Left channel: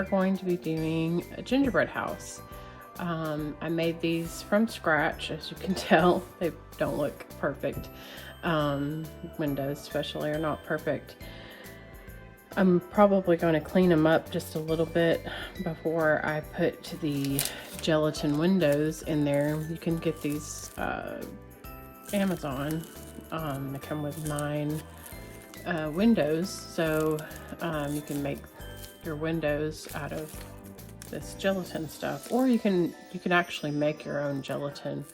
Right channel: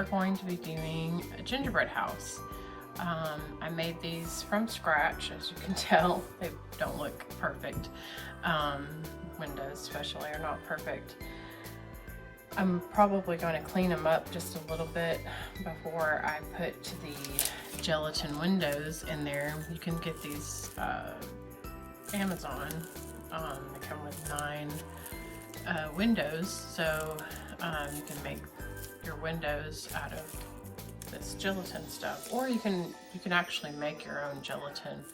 are going to be doing a gingerbread house. I made these from scratch, as you can tell. They don't look perfect. Windows especially are not perfect. I'm probably going to clean them up just a little bit before I put the gelatin windows in there. You can get these Amazon. They come with 9 windows, so you can make your windows out of this gelatin stuff, or you can actually make your own gelatin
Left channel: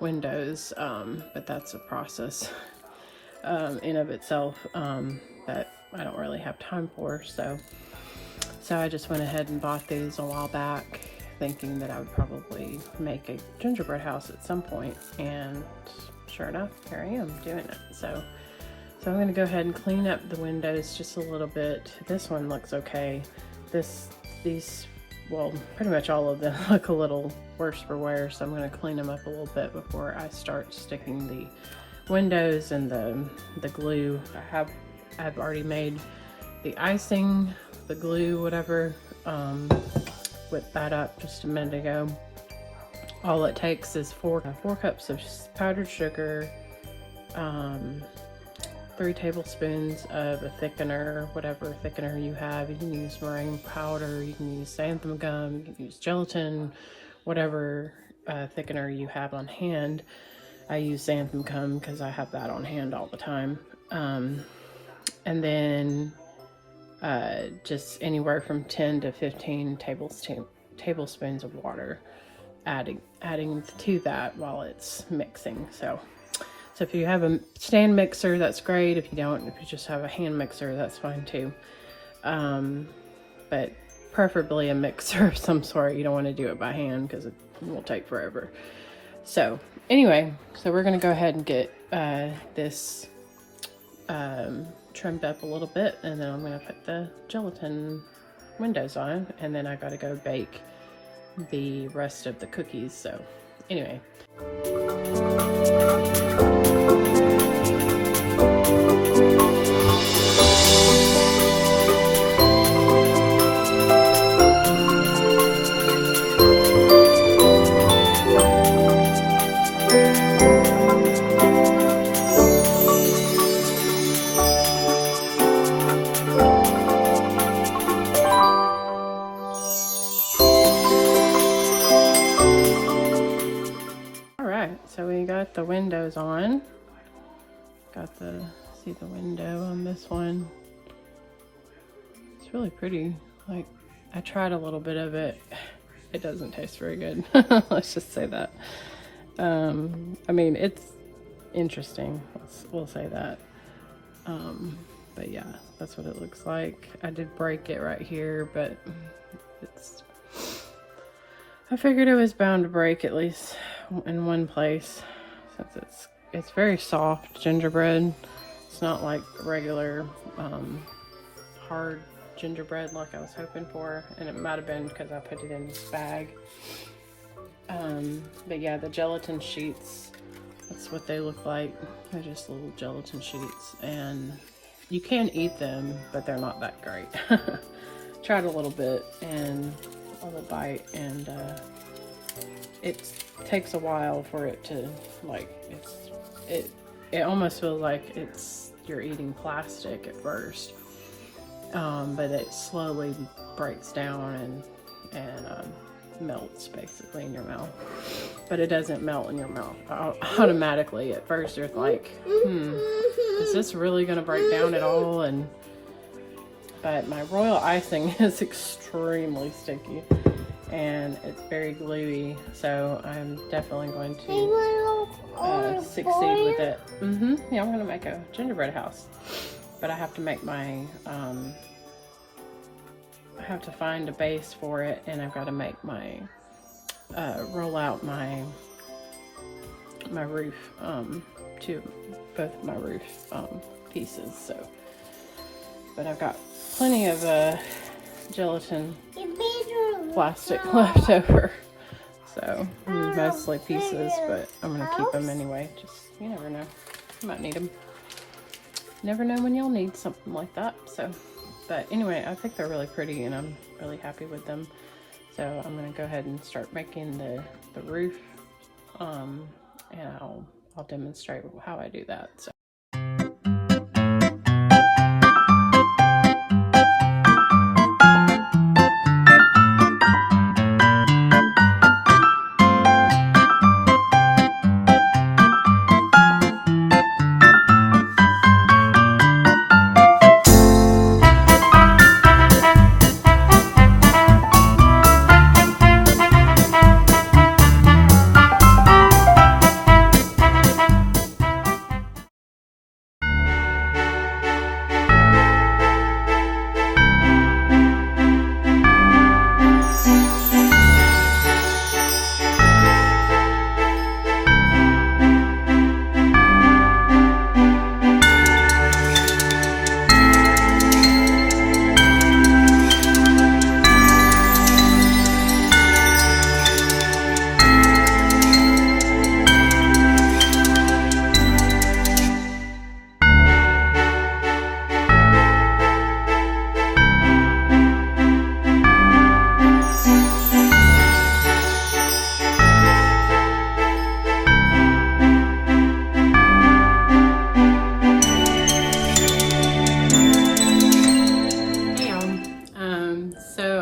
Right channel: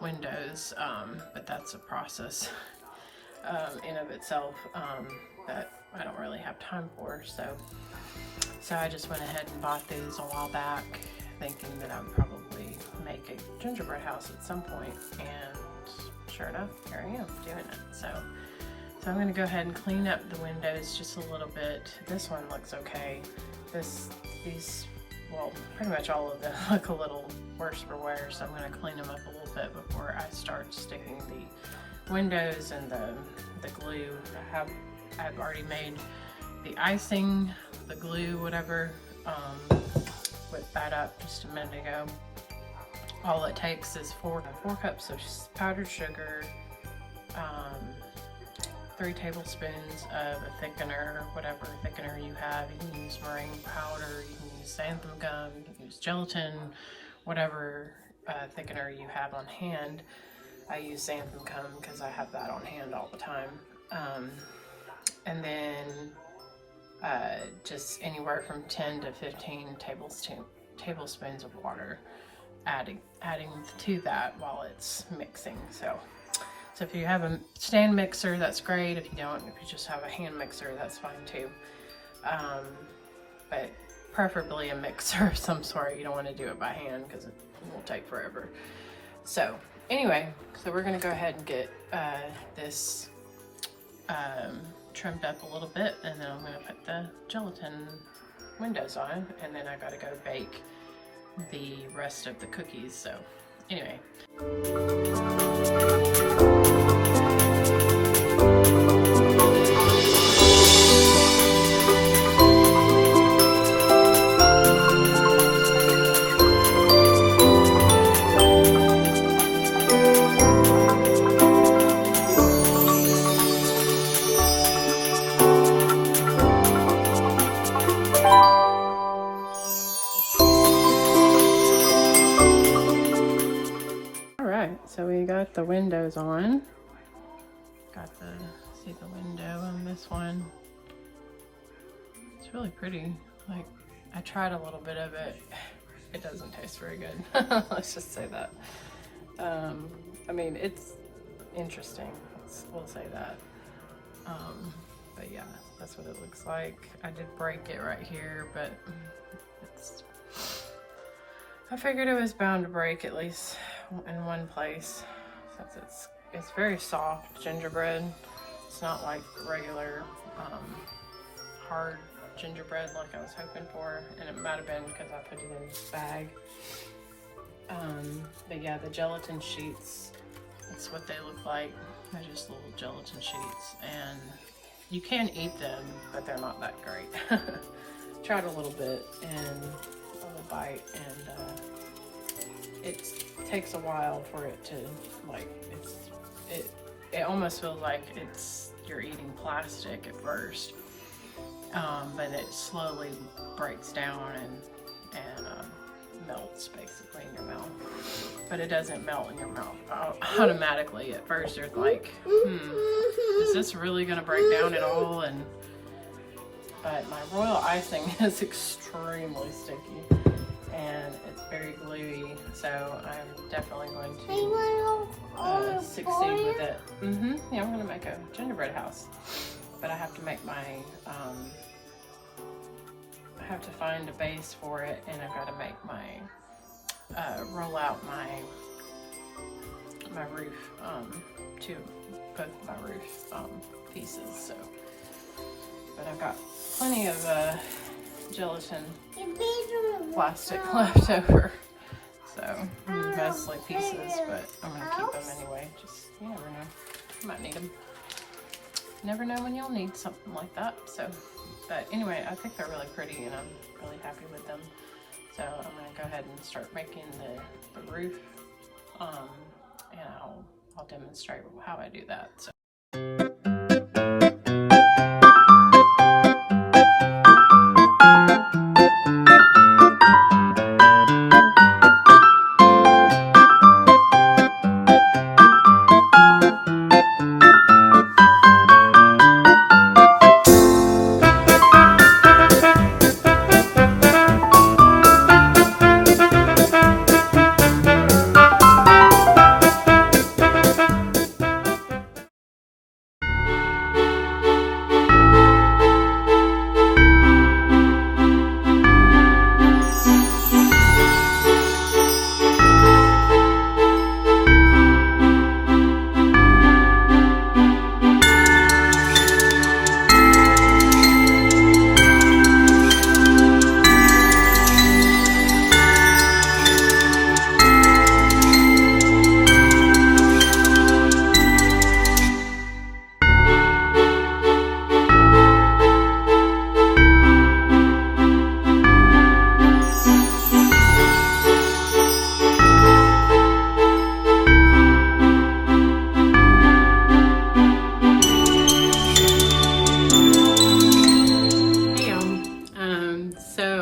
windows, but that's a process in of itself that I don't really have time for. So I just went ahead and bought these a while back, thinking that I would probably make a gingerbread house at some point, and sure enough, here I am doing it. So I'm going to go ahead and clean up the windows just a little bit. This one looks okay. These, well, pretty much all of them look a little worse for wear, so I'm going to clean them up a little bit before I start sticking the windows and the glue. I've already made the icing, the glue, whatever. Whipped that up just a minute ago. All it takes is 4 cups of powdered sugar, 3 tablespoons of a thickener, whatever thickener you have. You can use meringue powder, you can use xantham gum, you can use gelatin, whatever thickener you have on hand. I use xantham gum because I have that on hand all the time. And then just anywhere from 10 to 15 tablespoons of water, adding to that while it's mixing. So if you have a stand mixer, that's great. If you don't, if you just have a hand mixer, that's fine too. But preferably a mixer of some sort. You don't want to do it by hand because it will take forever. So anyway, so we're going to go ahead and get this trimmed up a little bit, and then I'm going to put the gelatin windows on, and then I got to go bake the rest of the cookies. So anyway. So we got the windows on. See the window on this one. It's really pretty. Like, I tried a little bit of it. It doesn't taste very good. Let's just say that. I mean, it's interesting. We'll say that. But yeah, that's what it looks like. I did break it right here, but I figured it was bound to break at least in one place, since it's very soft gingerbread. It's not like regular hard gingerbread like I was hoping for, and it might have been because I put it in this bag. But yeah, the gelatin sheets, that's what they look like. They're just little gelatin sheets, and you can eat them, but they're not that great. Tried a little bit and a little bite, and it takes a while for it to, like, it almost feels like you're eating plastic at first, but it slowly breaks down and melts basically in your mouth. But it doesn't melt in your mouth automatically. At first you're like, is this really gonna break down at all? But my royal icing is extremely sticky and it's very gluey, so I'm definitely going to succeed with it. Yeah, I'm gonna make a gingerbread house, but I have to make my I have to find a base for it, and I've got to make my roll out my roof to both of my roof pieces. So, but I've got plenty of gelatin plastic left over, so mostly pieces, but I'm gonna keep them anyway. Just, you never know, you might need them. Never know when you'll need something like that. So But anyway, I think they're really pretty and I'm really happy with them. So I'm gonna go ahead and start making the roof, and I'll demonstrate how I do that. So.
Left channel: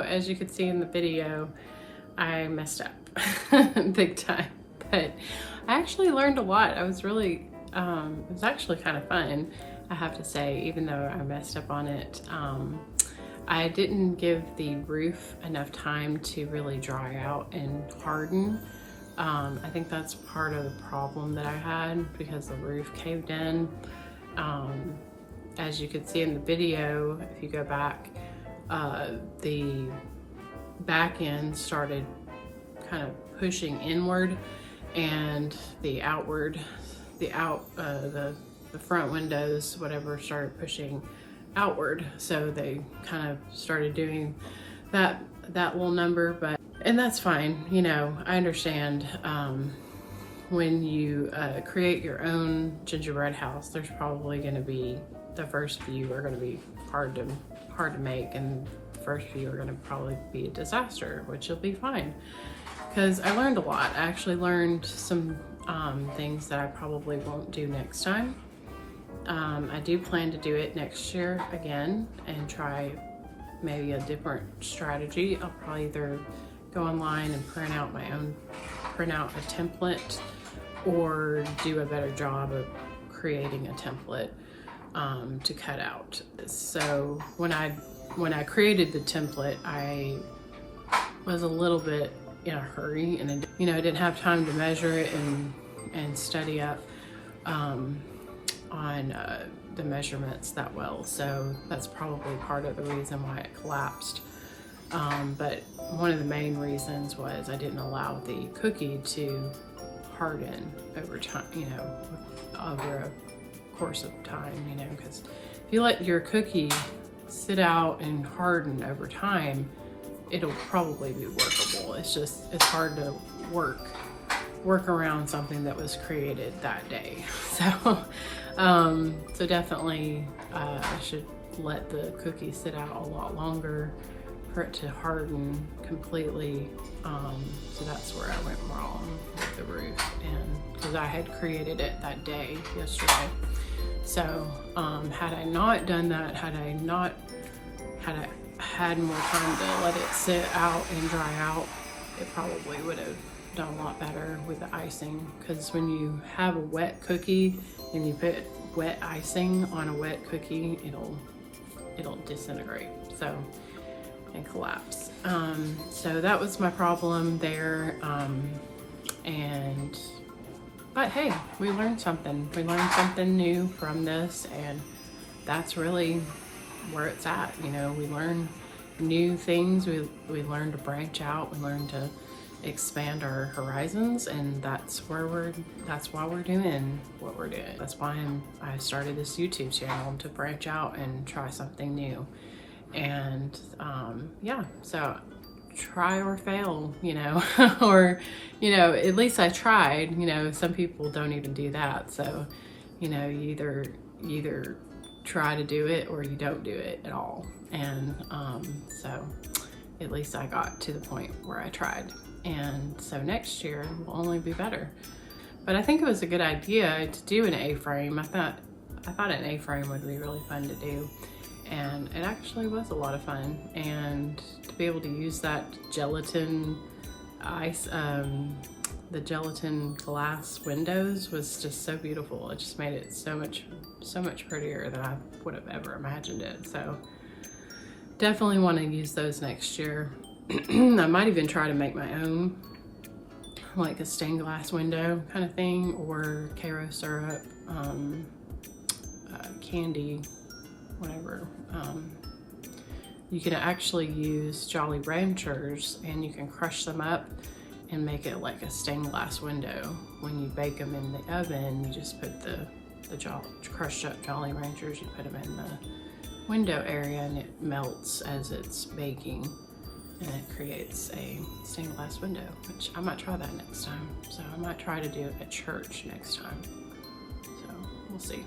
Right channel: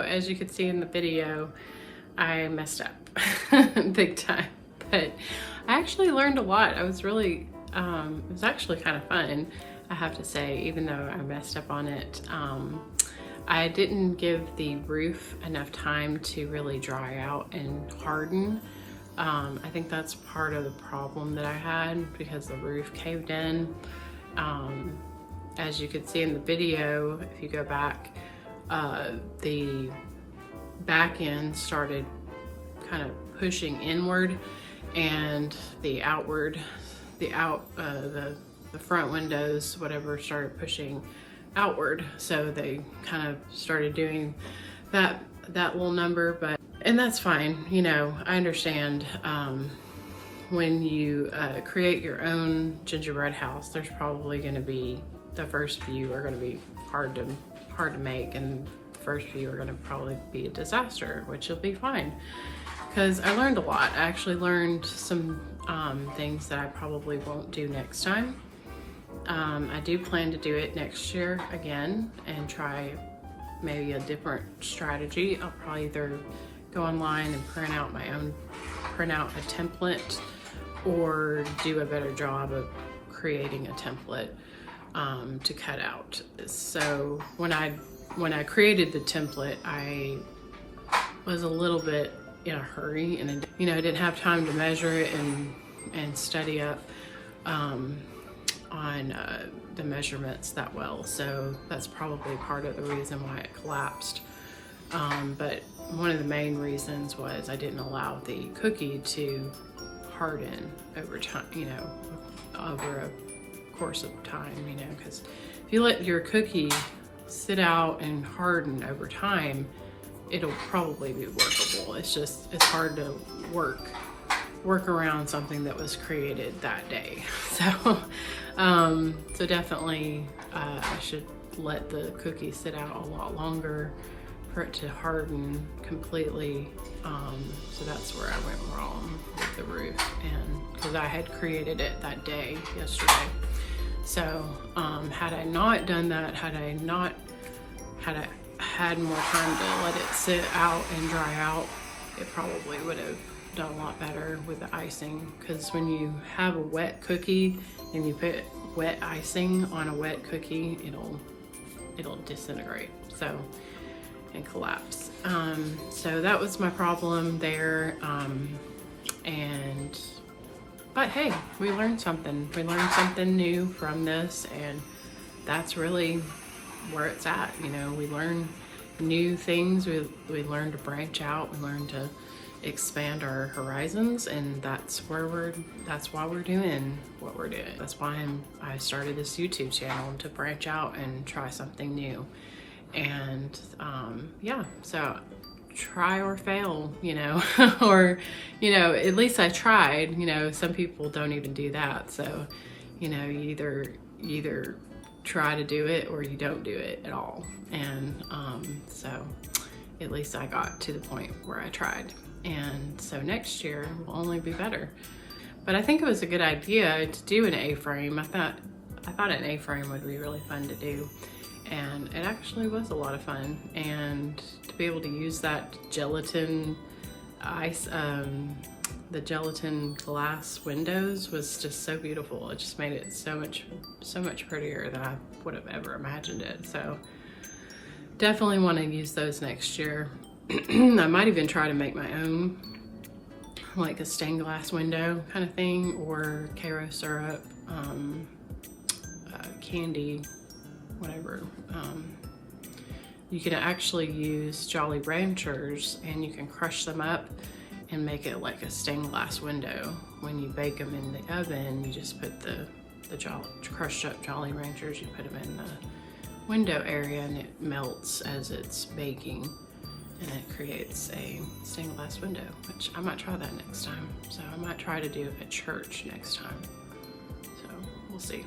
As you could see in the video, I messed up big time, but I actually learned a lot. I was really, it was actually kind of fun, I have to say, even though I messed up on it. I didn't give the roof enough time to really dry out and harden. I think that's part of the problem that I had because the roof caved in. As you could see in the video, if you go back, the back end started kind of pushing inward, and the front windows, whatever, started pushing outward. So they kind of started doing that little number, and that's fine. You know, I understand. When you create your own gingerbread house, there's probably going to be, the first few are going to be hard to make, and the first few are going to probably be a disaster, which will be fine, because I learned a lot. I actually learned some things that I probably won't do next time. I do plan to do it next year again and try maybe a different strategy. I'll probably either go online and print out a template, or do a better job of creating a template to cut out. So when I created the template, I was a little bit in a hurry, and I didn't have time to measure it and study up on the measurements that well. So that's probably part of the reason why it collapsed. But one of the main reasons was I didn't allow the cookie to harden over time, over a course of time, because if you let your cookie sit out and harden over time, it'll probably be workable. It's hard to work around something that was created that day. So definitely I should let the cookie sit out a lot longer for it to harden completely. So that's where I went wrong with the roof, and because I had created it that day, yesterday. So had I not done that, had I had more time to let it sit out and dry out, it probably would have done a lot better with the icing. Because when you have a wet cookie and you put wet icing on a wet cookie, it'll disintegrate and collapse. So that was my problem there. But hey, we learned something. We learned something new from this, and that's really where it's at. We learn new things. We learn to branch out. We learn to expand our horizons, and that's why we're doing what we're doing. That's why I started this YouTube channel, to branch out and try something new. And yeah, so try or fail, or at least I tried. Some people don't even do that. So you either try to do it or you don't do it at all. And so at least I got to the point where I tried. And so next year will only be better. But I think it was a good idea to do an A-frame. I thought an A-frame would be really fun to do. And it actually was a lot of fun. And to be able to use that gelatin ice, the gelatin glass windows was just so beautiful. It just made it so much prettier than I would have ever imagined it. So definitely want to use those next year. I might even try to make my own, like a stained glass window kind of thing, or Karo syrup, candy, whatever. You can actually use Jolly Ranchers and you can crush them up and make it like a stained glass window. When you bake them in the oven, you just put the crushed up Jolly Ranchers, you put them in the window area and it melts as it's baking. And it creates a stained glass window, which I might try that next time. So I might try to do at church next time. So we'll see.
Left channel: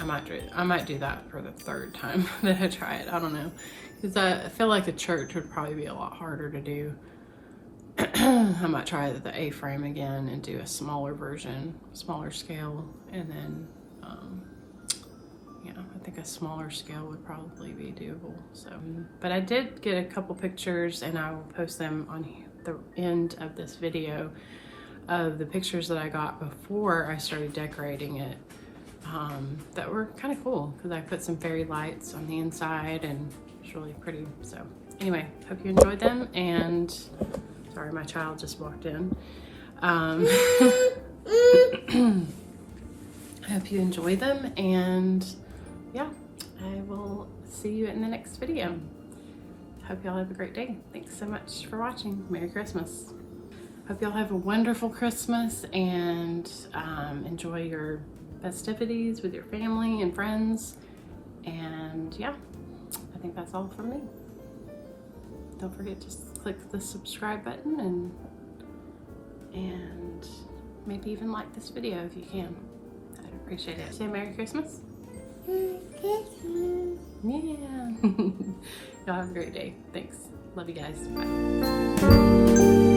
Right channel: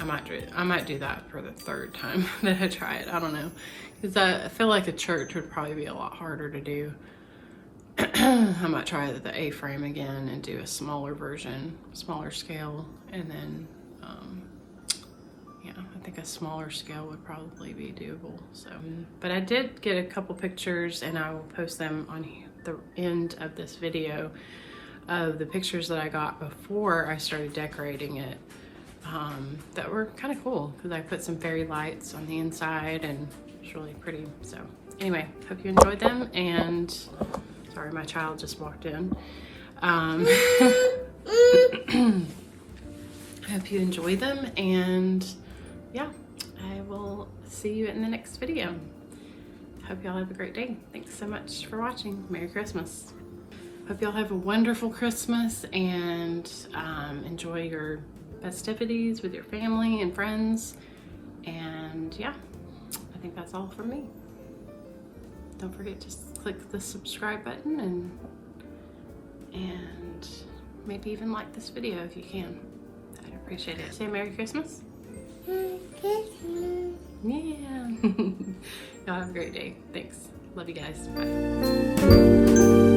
I might do that for the third time that I try it. I don't know, because I feel like a church would probably be a lot harder to do. I might try the A-frame again and do a smaller version, smaller scale, and then yeah, I think a smaller scale would probably be doable. So, but I did get a couple pictures, and I will post them on the end of this video of the pictures that I got before I started decorating it, that were kind of cool because I put some fairy lights on the inside and it's really pretty. So anyway, hope you enjoyed them, and sorry, my child just walked in. I hope you enjoyed them, and yeah, I will see you in the next video. Hope y'all have a great day. Thanks so much for watching. Merry Christmas. Hope y'all have a wonderful Christmas and enjoy your festivities with your family and friends. And yeah, I think that's all from me. Don't forget to click the subscribe button and maybe even like this video if you can. I'd appreciate it. Say Merry Christmas. Merry Christmas. Yeah. Y'all have a great day. Thanks. Love you guys. Bye.